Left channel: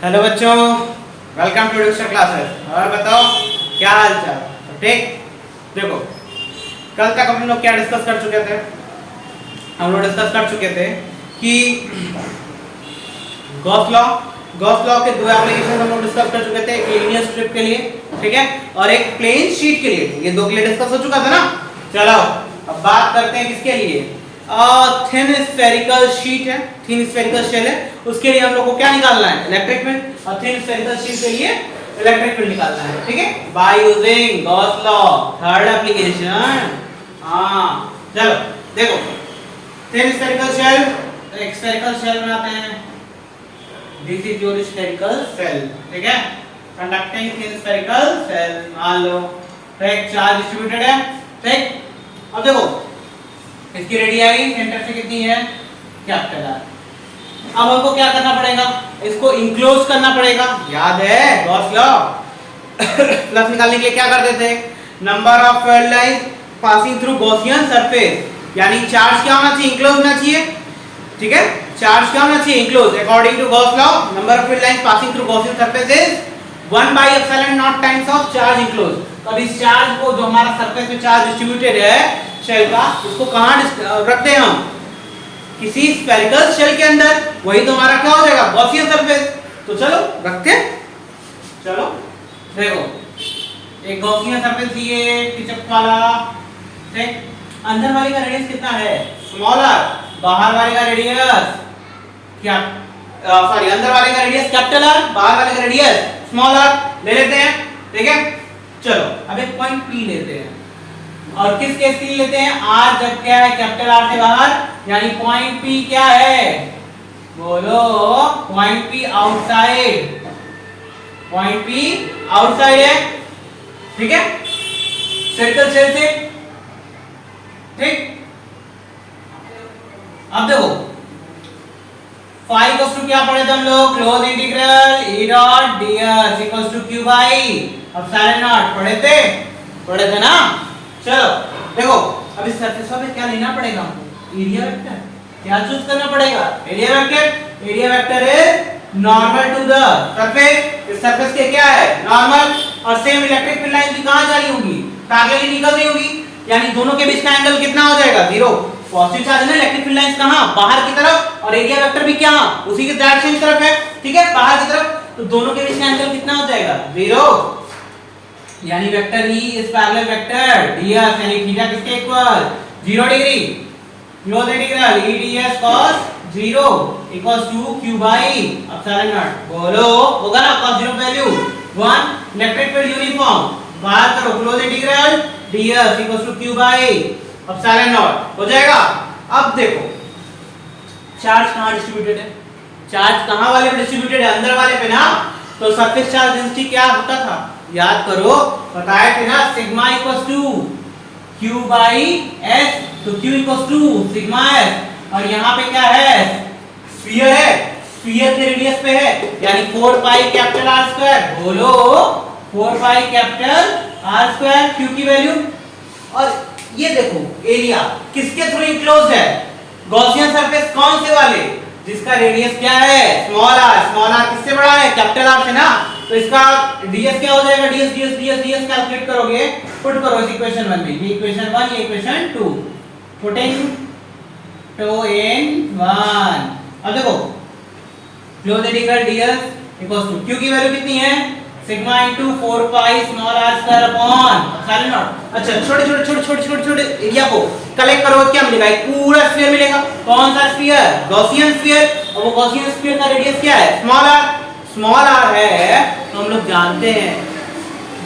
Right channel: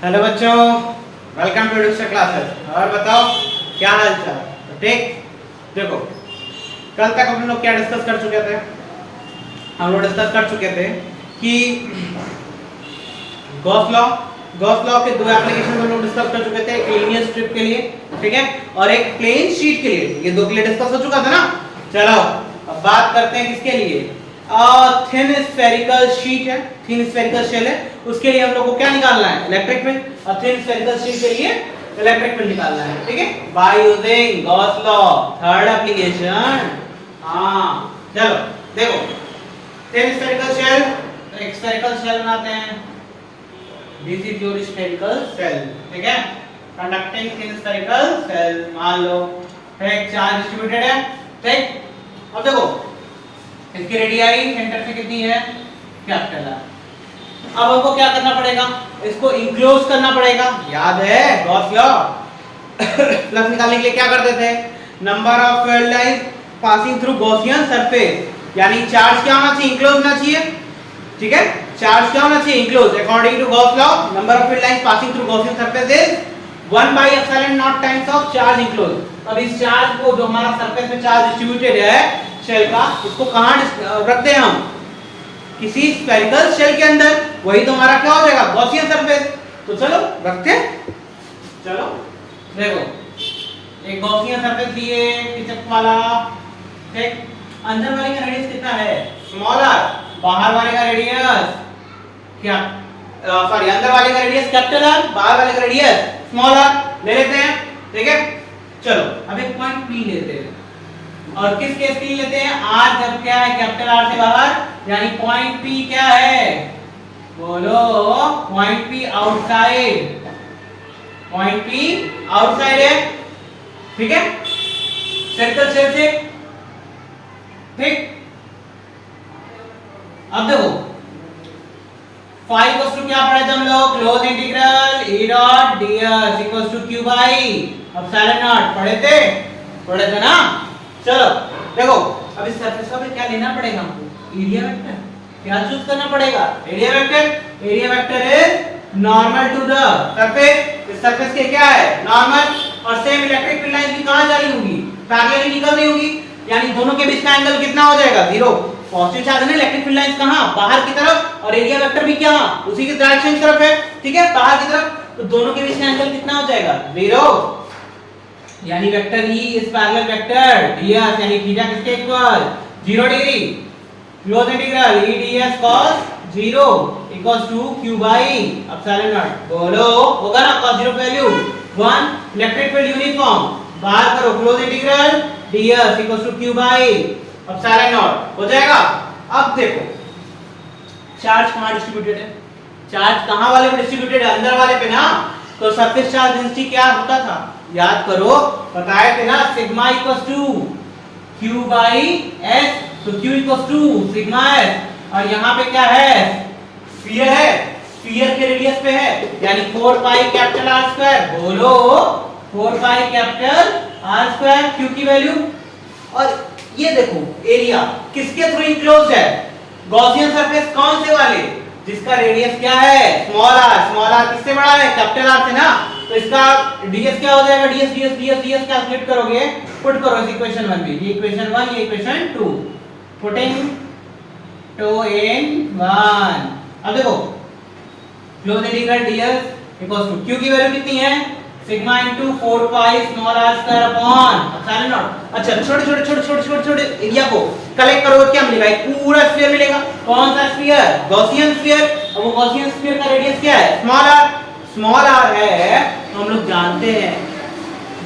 Hello बच्चों, welcome to education classes. और बताओ क्या हाल चाल? तो ठीक, देखो कल तक हम लोग क्या डिस्कस कर चुके थे? हम लोग डिस्कस कर चुके थे कि गॉस लॉ के दो एप्लीकेशन हम लोग डिस्कस कर चुके थे, एक लीनियर स्ट्रिप के लिए, ठीक है, और एक प्लेन शीट के लिए। ये दो के लिए डिस्कस हो चुका था ना। चलो अब बात करते हैं किसके लिए। थिन स्फेरिकल शीट है, थिन स्फेरिकल शेल है, उसके लिए हम लोग को क्या निकालना है? Electric field. और थिन स्फेरिकल शीट के लिए इलेक्ट्रिक फील्ड निकालना है, ठीक है, by using Gauss law, third application. हाँ चलो देखो, थिन स्फेरिकल शेल, एक स्फेरिकल शेल बनाते हैं। This is your spherical shell, ठीक है, कंडक्टिंग थिन स्फेरिकल शेल। मान लो एक चार्ज डिस्ट्रीब्यूटेड है, ठीक। अब देखो इसकी रेडियाई सेंटर से कितनी है? Capital R. अब हमको क्या करना पड़ेगा? इसको इंक्लोज करना पड़ेगा। याद है गॉस लॉ? प्लस निकालने के लिए क्या करते थे? Number of field lines passing through Gaussian surface, यानी चार्ज क्या होना चाहिए? इंक्लोज होना चाहिए, ठीक है। चार्ज क्या होना चाहिए? Enclosed. According to Gauss law, number of field lines passing through Gaussian surface is 1/ε0 times of charge enclosed. तो अब इस चार्ज को, जो हमारा सरफेस में चार्ज डिस्ट्रीब्यूटेड है शेल का, इसको कहां रखते हैं हम? किसी स्फेरिकल शेल के अंदर। वही तो हमारा क्या हो जाएगा? Gaussian surface. तो चलो रखते, चलो देखो एक गॉसियन सरफेस दिए टिचक वाला, ठीक। अंदर वाले का रेडियस कितना है? Small r. बाहर वाले का रेडियस क्या, सॉरी, अंदर वाले का रेडियस कैपिटल आर, बाहर वाले का रेडियस स्मॉल आर। ले लेते हैं, ठीक है। चलो अब एक पॉइंट पी लेते हैं, और किस केस के लिए लेते हैं? आर जब क्या है? कैपिटल आर से बाहर, यानी पॉइंट पी क्या है? बोलो, point P outside, point P outside है, ठीक है, सर्कल शेल से, ठीक। अब देखो फाई इक्वल्स टू क्या पढ़े थे हम लोग? Close integral E dot ds equals to q by epsilon naught. पढ़े थे ना। चलो देखो अब इस सरफेस पे क्या लेना पड़ेगा हमको? Area vector. क्या चूज करना पड़ेगा? Area vector. Area vector is normal to the surface. इस सरफेस के क्या है? नॉर्मल। और सेम इलेक्ट्रिक फील्ड लाइन भी कहां जा रही होगी? पैरेलली निकल रही होगी, यानी दोनों के बीच का एंगल कितना हो जाएगा? 0। पॉजिटिव चार्ज है, इलेक्ट्रिक फील्ड लाइंस कहां? बाहर की तरफ, और एरिया वेक्टर भी क्या? उसी की डायरेक्शन की तरफ है, ठीक है, बाहर की तरफ। तो दोनों के बीच का एंगल कितना हो जाएगा? 0, यानी vector E is parallel vector ds, यानी थीटा किसके equal? 0 degree. Close integral E ds cos 0 equals to q by epsilon naught. बोलो होगा ना? cos 0 value 1, electric field uniform, बाहर करो, close integral ds equals to q by epsilon naught हो जाएगा। अब देखो चार्ज कहां डिस्ट्रीब्यूटेड है? चार्ज कहां वाले पे डिस्ट्रीब्यूटेड है? अंदर वाले पे ना। तो सरफेस चार्ज डेंसिटी क्या होता था? याद करो, बताए थे ना, sigma equals to q by s। तो q equals to sigma s, और यहाँ पे क्या है? स्फीयर है, स्फीयर के रेडियस पे है, यानी 4 पाई कैपिटल R स्क्वायर। बोलो 4 pi capital R square, q की वैल्यू। और ये देखो एरिया किसके थ्रू इंक्लोज्ड है? Gaussian surface. कौन से वाले? जिसका रेडियस क्या है? Small r। स्मॉल r किससे बड़ा है? कैपिटल R से ना। तो इसका ds क्या हो जाएगा? ds कैलकुलेट करोगे, पुट करो इस इक्वेशन 1 में। ये इक्वेशन 1, ये इक्वेशन 2, पुटिंग टू इन 1। अब देखो close integral ds equals to q की वैल्यू कितनी है? Sigma into 4 pi small r square upon epsilon naught. अच्छा, छोटे एरिया को कलेक्ट करो, क्या मिलेगा? एक पूरा स्फीयर मिलेगा। कौन सा स्फीयर? Gaussian sphere. और वो गॉसियन स्फीयर का रेडियस क्या है? Small r। स्मॉल r है तो हम लोग जानते हैं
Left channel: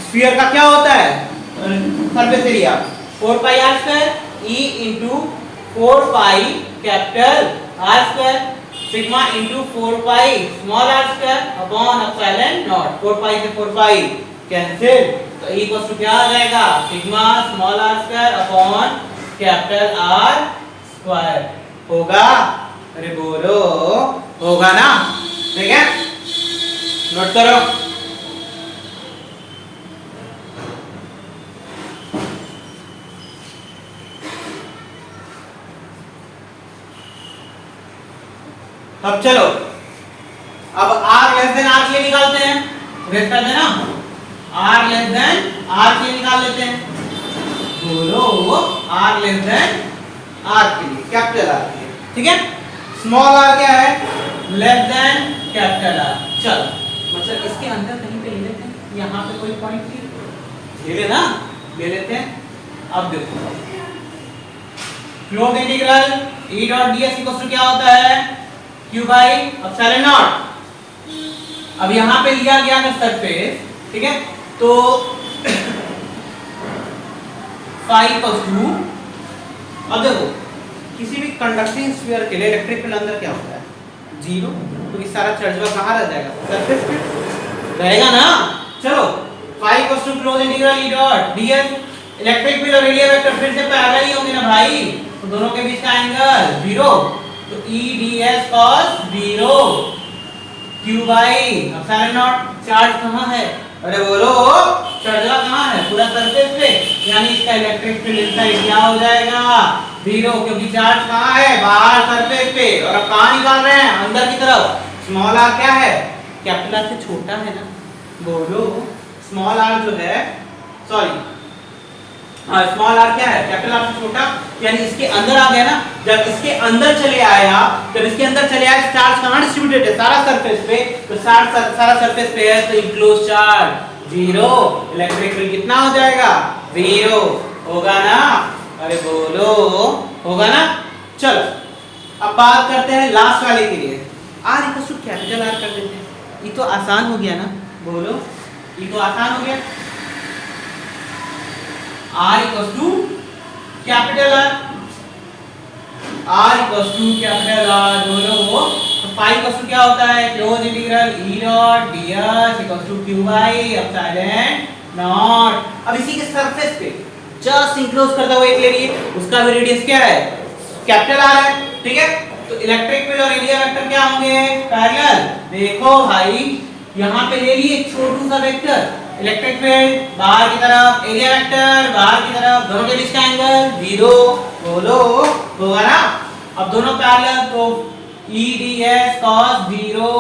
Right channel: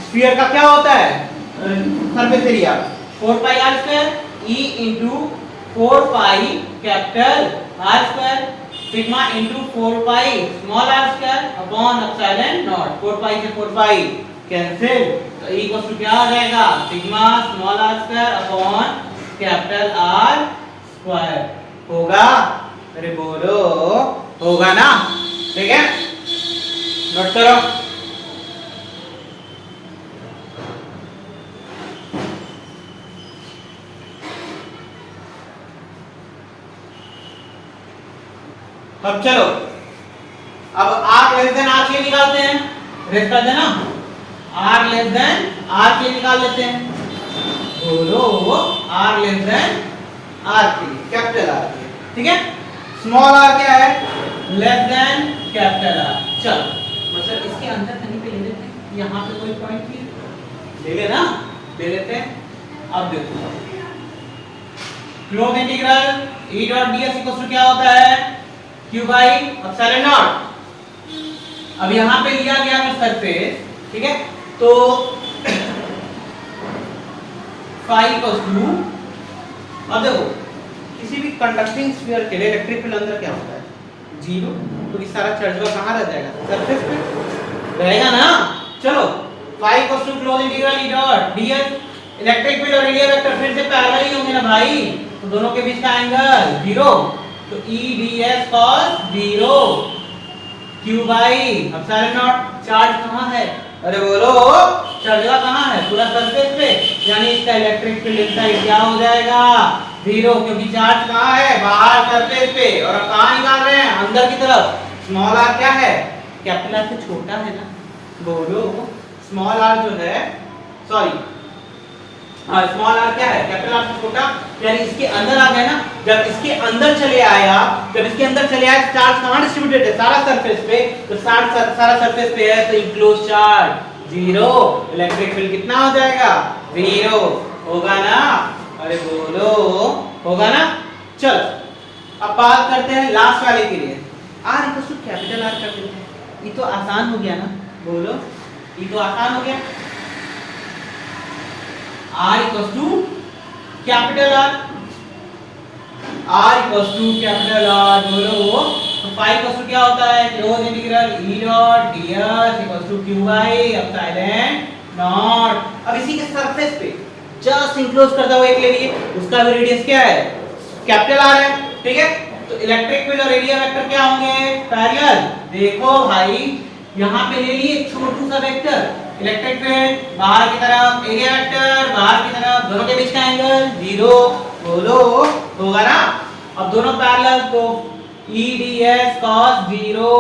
स्फीयर का क्या होता है? Surface area 4 pi r square e into 4 pi capital R square sigma into 4 pi small r square upon epsilon not. 4 पाई से 4 पाई कैंसिल, तो e इक्वल्स टू क्या आ जाएगा? Sigma small r square upon capital R square. होगा? अरे बोलो होगा ना, ठीक है, नोट करो। अब चलो, अब R लेस देन आर के लिए निकालते हैं, रेस कर देना, आर लेस देन आर के लिए निकाल लेते हैं, बोलो आर लेस देन आर के लिए, कैपिटल आर के लिए, ठीक है। स्मॉल आर क्या है, लेस देन कैपिटल आर। चलो मतलब इसके अंदर कहीं पे ले लेते हैं, यहाँ पे कोई पॉइंट नहीं ले लेना, ले लेते हैं। अब देखो close integral E dot ds equal to क्या होता है, q बाई एप्सिलॉन नॉट। अब यहाँ पे लिया गया है सरफेस, ठीक है, तो फाई इक्वल टू, अब देखो किसी भी कंडक्टिंग स्फीयर के लिए इलेक्ट्रिक फील्ड अंदर क्या होता है, जीरो, क्योंकि सारा चार्ज कहाँ रह जाएगा, सरफेस पे रहेगा ना। चलो phi equal to close integral E dot ds, electric field और रेडियल वेक्टर फिर से पैरेलल ही होंगे ना भाई, तो दोनों के बीच का एंगल जीरो, तो E ds cos zero q by epsilon not. Charge कहाँ है, अरे बोलो चार्ज कहाँ है, पूरा सरफेस पे, यानी इसका इलेक्ट्रिक फील्ड इनसाइड क्या हो जाएगा, जीरो, क्योंकि चार्ज कहाँ है, बाहर सरफेस पे, और अब कहाँ निकाल रहे हैं, अंदर की तरफ। स्मॉल आर क्या है, कैपिटल आर से छोटा है ना, बोलो स्मॉल आर जो है, सॉरी स्मॉल आर क्या है, कैपिटल आर से छोटा, यानी इसके अंदर आ गया ना। जब इसके अंदर चले आया, जब इसके अंदर चले आया, चार्ज कहाँ डिस्ट्रीब्यूटेड है, सारा सरफेस पे, तो सारा सरफेस पे है, तो enclose charge zero, electric field कितना हो जाएगा, जीरो होगा ना, अरे बोलो होगा ना। चलो अब बात करते हैं लास्ट वाले के लिए, r equal to capital r कर देते हैं, ये तो आसान हो गया ना, बोलो ये तो आसान हो गया, R equals to capital R, R equals to capital R, बोलो तो फाई इक्वल्स टू क्या होता है, close integral E dot ds equals to q by epsilon naught. अब इसी के सरफेस पे जस्ट इंक्लोज करता हुआ एक ले लिए, उसका भी रेडियस क्या है, कैपिटल R है, ठीक है। तो इलेक्ट्रिक फील्ड और एरिया वेक्टर क्या होंगे, पैरेलल। देखो भाई यहाँ पे ले लिए छोटू सा वेक्टर, इलेक्ट्रिक फील्ड बाहर की तरफ, एरिया वेक्टर बाहर की तरफ, दोनों के बीच का एंगल जीरो, बोलो होगा ना। अब दोनों पैरेलल, तो E ds cos zero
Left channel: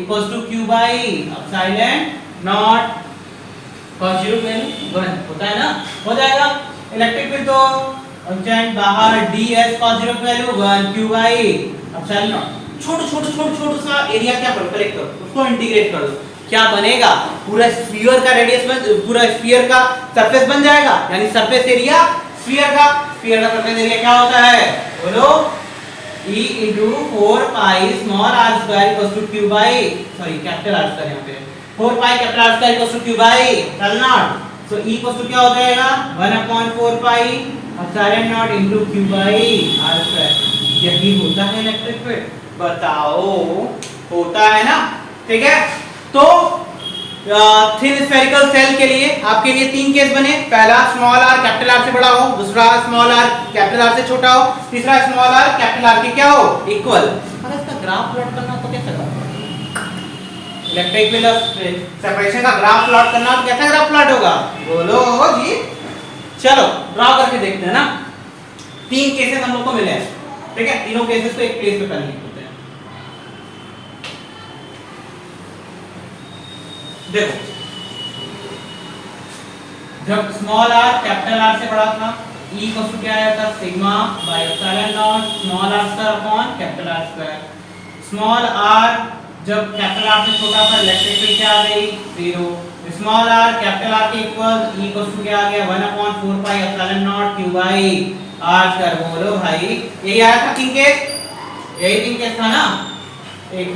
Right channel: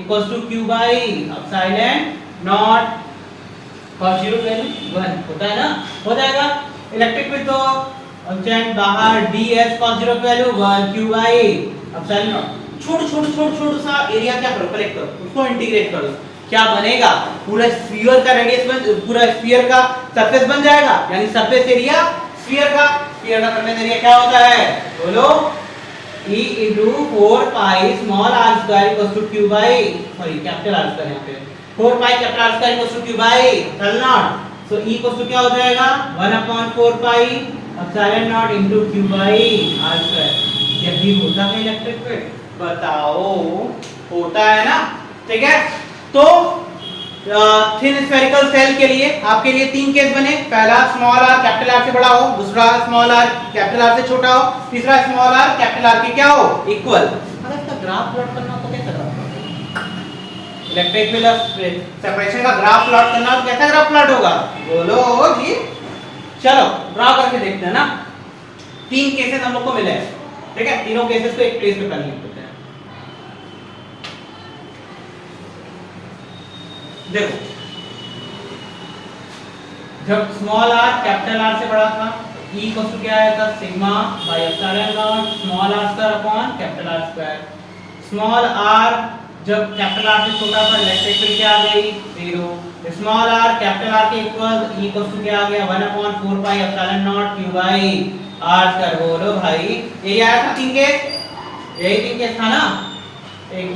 equals to q by epsilon naught, cos zero value 1 होता है ना, हो जाएगा। इलेक्ट्रिक फील्ड तो अनचेंज बाहर, ds cos जीरो की value 1 q by epsilon naught. छोटू सा एरिया क्या करो, कलेक्ट करो, उसको इंटीग्रेट करो, क्या बनेगा, पूरा स्फीयर का रेडियस बन, पूरा स्फीयर का सरफेस बन जाएगा, यानी सरफेस एरिया स्फीयर का सरफेस एरिया क्या होता है, बोलो E into 4 pi small r square equals to q by, sorry capital r square यहाँ पे 4 pi capital r square equals to q by epsilon naught. So E equals to क्या हो जाएगा 1/4 pi epsilon naught into q by r square। यही होता है electric field, बताओ होता है ना, ठीक है। तो थिन स्फेरिकल सेल के लिए आपके लिए तीन केस बने, पहला स्मॉल आर कैपिटल आर से बड़ा हो, दूसरा स्मॉल आर कैपिटल आर से छोटा हो, तीसरा स्मॉल आर कैपिटल आर के क्या हो, इक्वल। अगर इसका ग्राफ प्लॉट करना हो तो कैसा graph plot, electric field separation का ग्राफ प्लॉट करना हो तो कैसा ग्राफ प्लॉट होगा, बोलो जी। चलो ड्रॉ करके देखते हैं ना, तीन केसेस हम लोग को मिले हैं, ठीक है, तीनों केसेस को एक पेज पे पहले लिख देते हैं। देखो जब स्मॉल आर कैपिटल आर से बड़ा था, E इक्वल टू क्या आया था, sigma by epsilon naught small r square upon capital r square. Small r जब कैपिटल आर से छोटा था, इलेक्ट्रिक फील्ड क्या आ गई, zero. Small r capital r के इक्वल, E इक्वल टू क्या आ गया 1/4 pi epsilon naught q by r square. बोलो भाई यही आया था तीन केस, यही तीन केस था ना, एक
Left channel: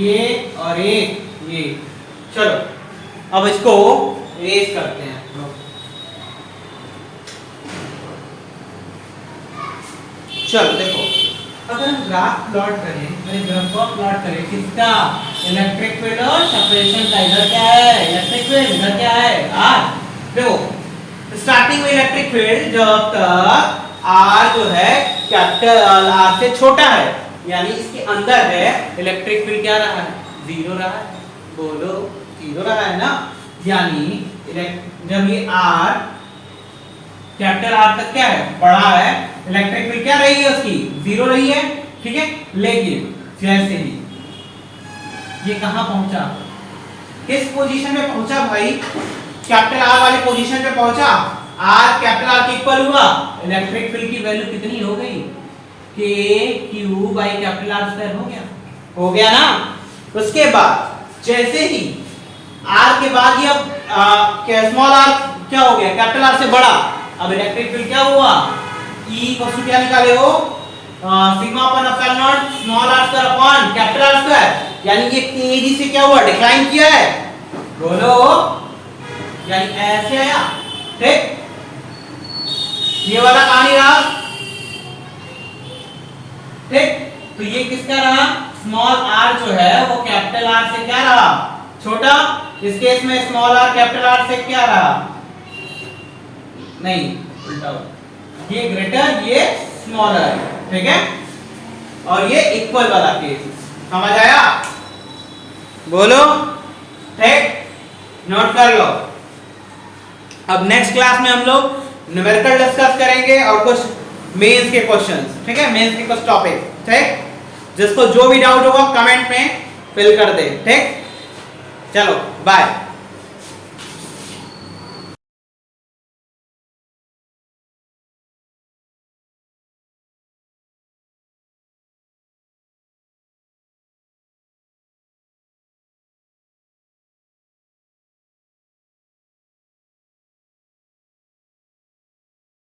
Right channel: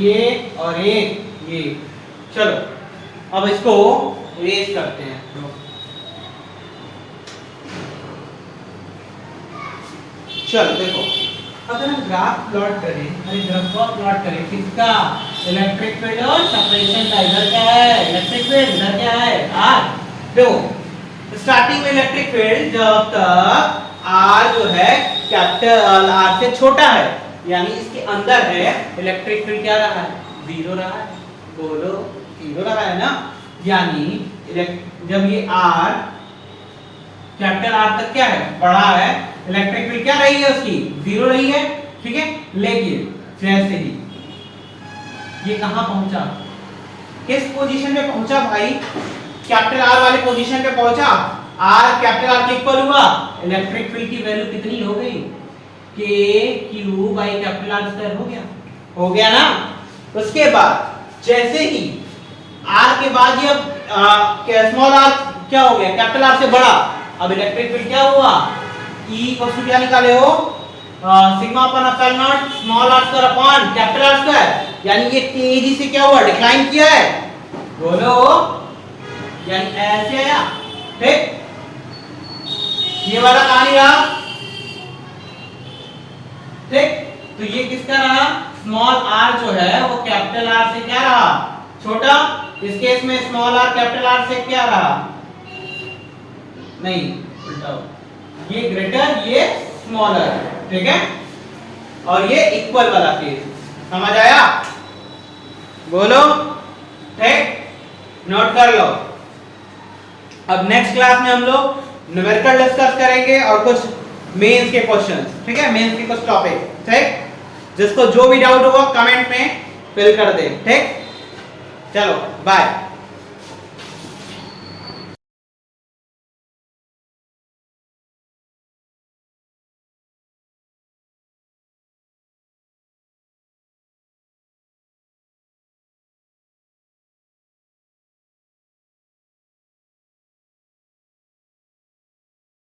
ये और एक ये। चलो अब इसको रेस करते हैं, चलो देखो अगर हम ग्राफ प्लॉट करें, ग्राफ प्लॉट करें किसका, इलेक्ट्रिक फील्ड और सेपरेशन का, इधर क्या है इलेक्ट्रिक फील्ड, इधर क्या है r। देखो स्टार्टिंग में इलेक्ट्रिक फील्ड जब तक r जो है कैपिटल R से छोटा है, यानी इसके अंदर है, इलेक्ट्रिक फील्ड क्या रहा है, जीरो रहा है, बोलो जीरो रहा है ना। यानी जब ये R कैपिटल R तक क्या है, बड़ा है, इलेक्ट्रिक फील्ड क्या रही है उसकी, जीरो रही है, ठीक है। लेकिन जैसे ही ये कहां पहुंचा, किस पोजीशन में पहुंचा भाई, कैपिटल आर वाली पोजीशन पे पहुंचा। आर कैपिटल आर के इक्वल हुआ, इलेक्ट्रिक फील्ड की वैल्यू कितनी हो गई, के Q by capital r square हो गया ना। उसके बाद जैसे ही आर के बाद ये स्मॉल आर क्या हो गया, कैपिटल आर से बड़ा, अब इलेक्ट्रिक फील्ड क्या हुआ, E इक्वल टू क्या निकाले हो, sigma upon epsilon naught small r square upon capital r square, यानी ये तेजी से क्या हुआ, डिक्लाइन किया है, बोलो, यानी ऐसे आया, ठीक। ये वाला कहानी रहा, ठीक। तो ये किसका रहा, स्मॉल आर जो है वो कैपिटल आर से क्या रहा, छोटा। इस केस में स्मॉल आर कैपिटल आर से क्या रहा, नहीं उल्टा, ये ग्रेटर ये स्मॉलर, ठीक है। और ये इक्वल वाला केस समझ आया, बोलो, ठीक, नोट कर लो। अब नेक्स्ट क्लास में हम लोग न्यूमेरिकल डिस्कस करेंगे और कुछ मेंस के क्वेश्चंस, ठीक है, मेंस के कुछ टॉपिक, ठीक। जिसको जो भी डाउट होगा कमेंट में फिल कर दे, ठीक। चलो बाय।